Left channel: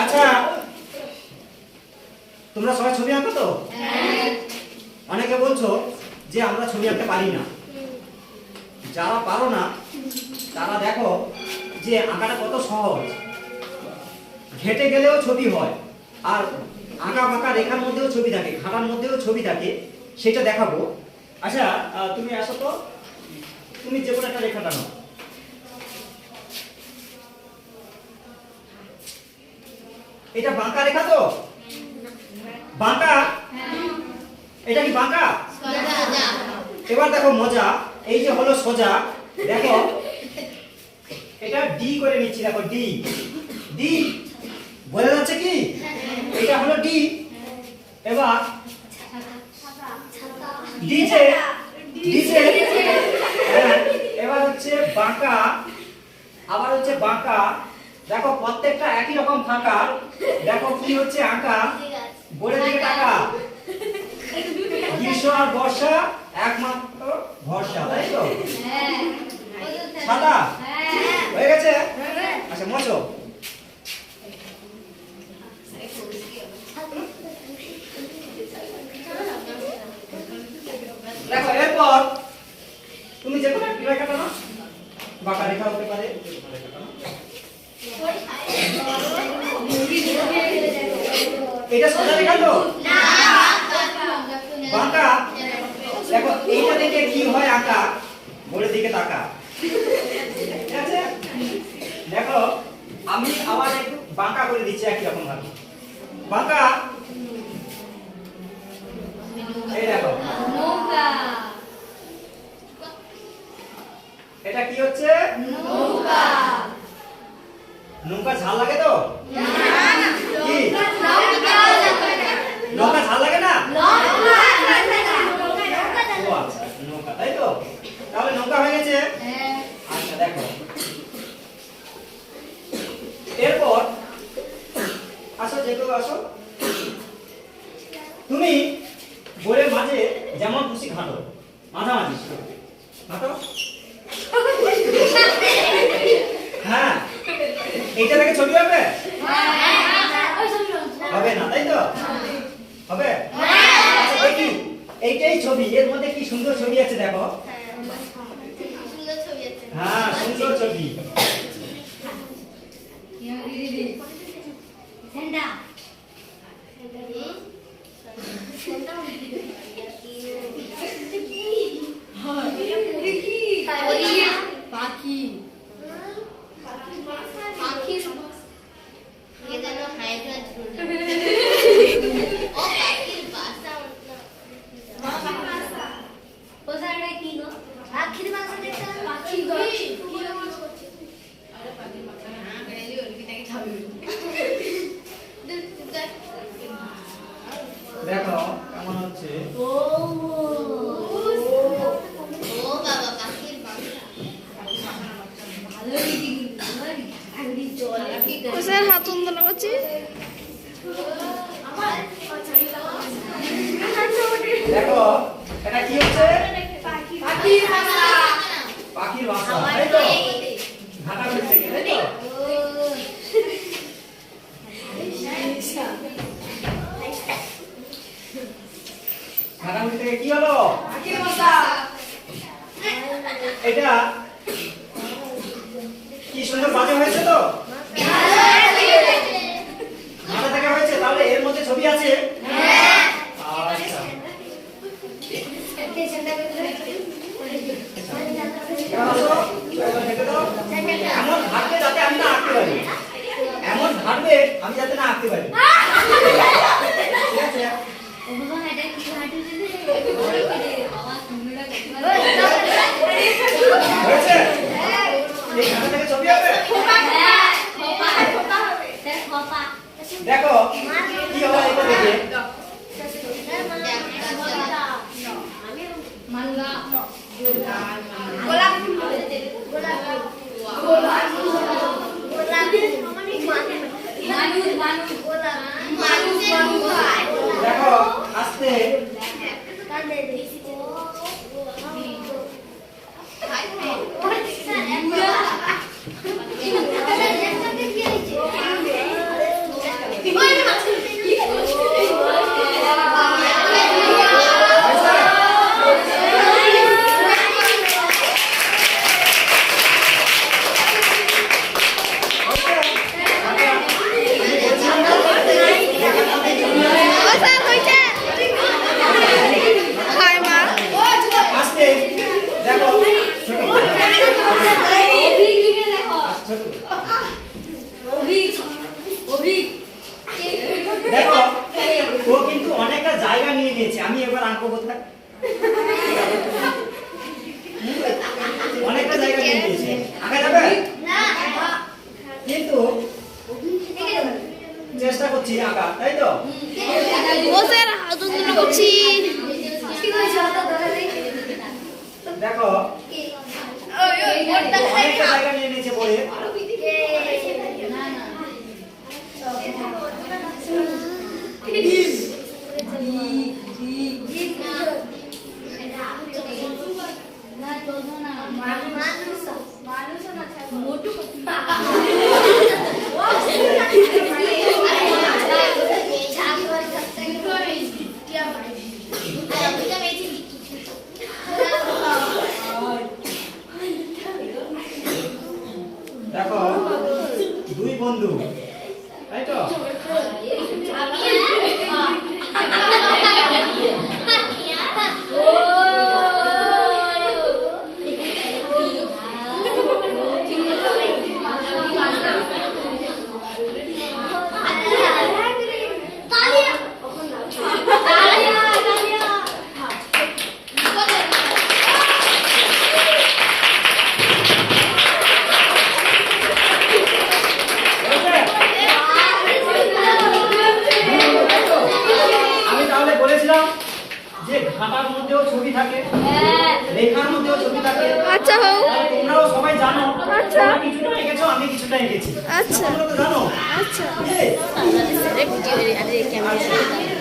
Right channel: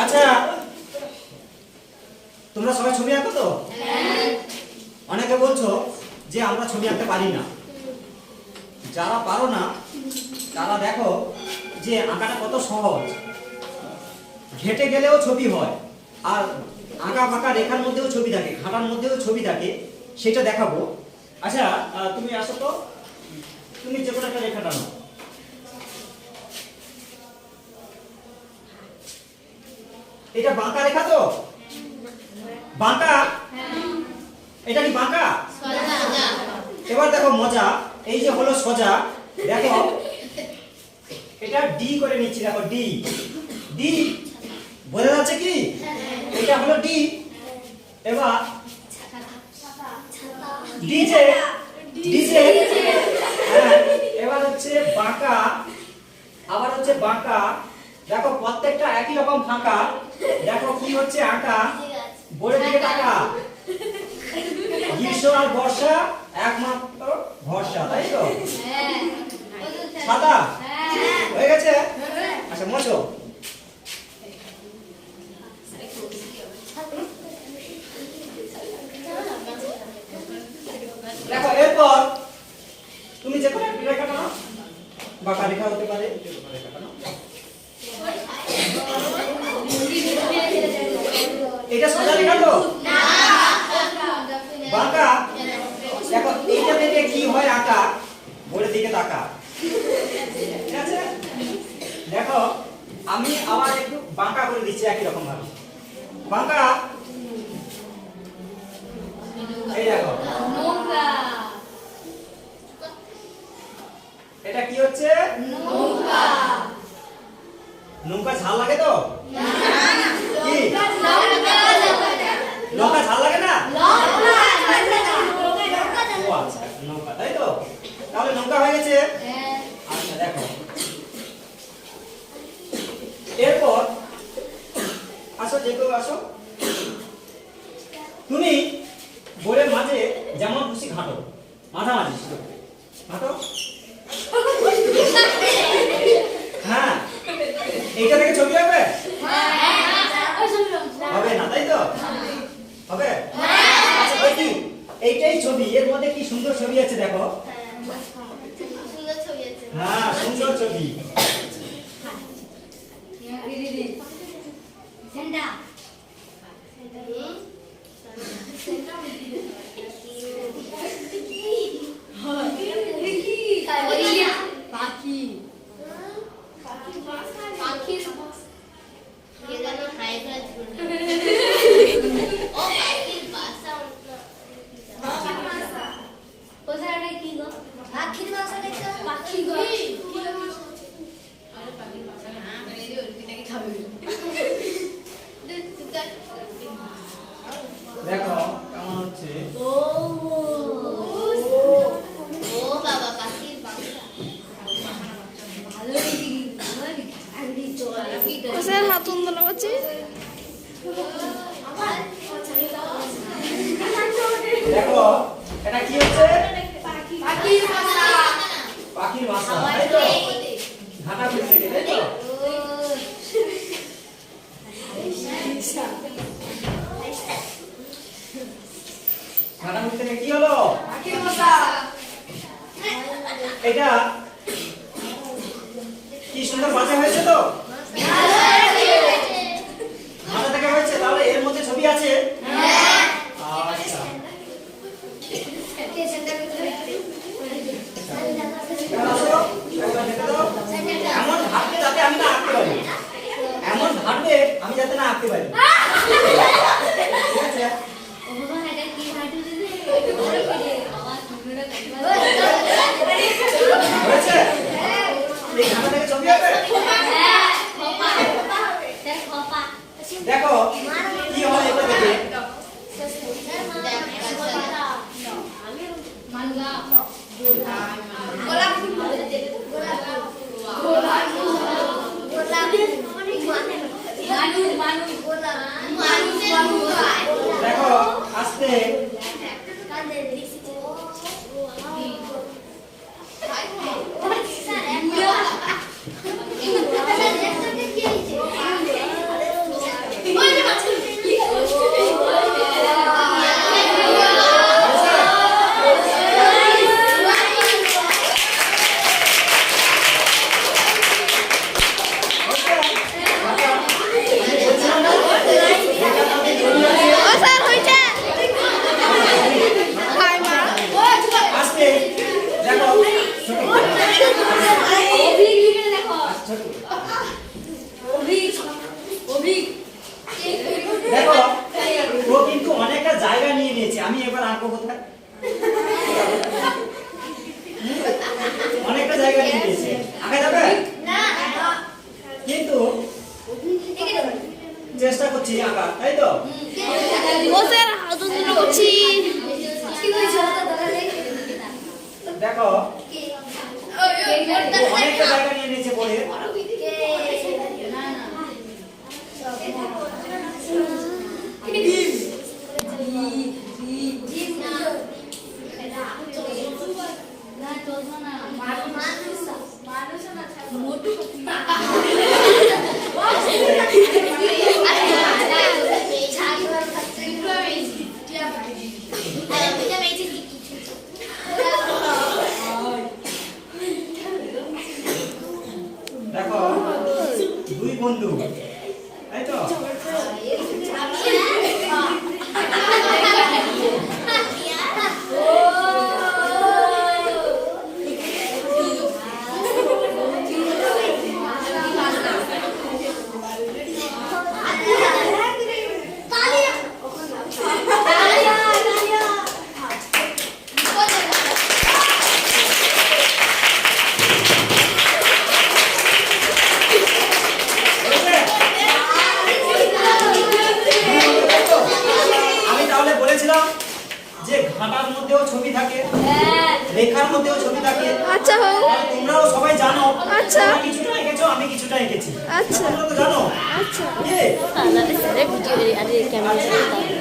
আচ্ছা, তোমরা সবাই ছবি আঁকো তো? অনেকে বলছো যে আমরা ছবি আঁকতে পারি না। যারা পারো না তারা দেখো যে আঁকাটা কত সহজ, ঘেটে গেলেও ছবি হয়, আর আঁকা ফাঁকা রেখার মধ্যেও ছবি থাকে, ঘাটার মধ্যেও ছবি থাকে, সেটা দেখাবো। আচ্ছা, তুমি আসো তো, তুমি যে কোনো একটা রেখা টানো। এটা বাঁকা রেখা তো? বাঁকা? এটা কি বাঁকা? এবার দেখো মজা, এই যে হলো সোজা, দেখো এটা ডি করে নিচ্ছি, দেখো ডি, ডি বোঝা যাচ্ছে কি? এটা হলো ডি। এবার ডিজে, ডিজে, এবার হচ্ছে বাঁকা, আবার হচ্ছে বাঁকা। দেখো প্রত্যেকটা একই রকম ফাঁকা। দেখো কি হচ্ছে আঁকা, বোর্ডের দিকে টাকা। গ্রীষ্ম আর বর্ষা একমাত্র ভরসা, তাই তো? ছাতা হয়ে গেছে? আচ্ছা মজো। দেখো এরপর তুমি যে কোনো একটা রেখা টানো, বাঁকা রেখা হতে পারে, রেখা টানো। এটা সোজা রেখা তো? বাঁকা। দেখো এইটা থেকে কি হয় আঁকা, বোর্ডের দিকে তাকা। ঠিক আছে? দেখো আমি আবার একটু বাঁকা করে দিচ্ছি একই রকম ভাবে। বাঁকা, এই দেখো এটা কি হচ্ছে? নৌকা। নৌকা ঝাল লাগে তো? কি নৌকা ঝাল লাগে না? ও আচ্ছা, নৌকা, তাই তো? তাহলে নৌকা হয়ে গেছে। আচ্ছা দেখো এরপর আসো, যে কেউ আসো, তুমি বোর্ডের মাঝে যেমন খুশি ঘাটো, মাঝামাঝি ঘাটো। হ্যাঁ, এইটা থেকে ছবি হবে? হবে না, তাই তো? হবে? আচ্ছা দেখি, এইটাই ছবি, এর মধ্যে কি সুন্দর ছবি আছে দেখো। হ্যাঁ, সুন্দর ছবি। দেখো কেমন হচ্ছে। স্যার হাত উন্নয়ন করছি। দেখো এটা কি হচ্ছে? পাখির বাসা, তাই তো? ঘাটা ঘুরতে গেলে, তাই তো? ঘাটা ঘুরতে গিয়ে কি হলো? এটা কি সুন্দর বাজা হয়েছে তো? ঘাটা থেকে হয়েছে, তাহলে এর মধ্যে ছবি আছে? আচ্ছা, এমন ভাববে যাতে আমি না আঁকতে পারি, এমন ভাববে আমি যাতে না আঁকতে পারি। ঠিক আছে? হয়েছে? এই ঘাটা থেকে ছবি হবে? দেখো কি হয় এটা দেখে। দেখো আস্তে, চেষ্টা করছি আঁকা, তাই তো? ও স্যার হাত উন্নয়ন করছি। দেখো অনেকটা জায়গা নিয়ে নিয়েছে বলে। দেখো দুই বন্ধু, তাই তো? আমি তাহলে বলেছিলাম যে ঘাটার মধ্যেও ছবি থাকে, লেখার মধ্যেও ছবি থাকে। আচ্ছা হোক। তোমরাও সবাই জানো। আচ্ছা। তোমরা কিছুটা এঁকেছো, আমি কিছুটা এঁকেছি। আচ্ছা। তোমরা তো জানো। আচ্ছা। বুঝলে? Video camera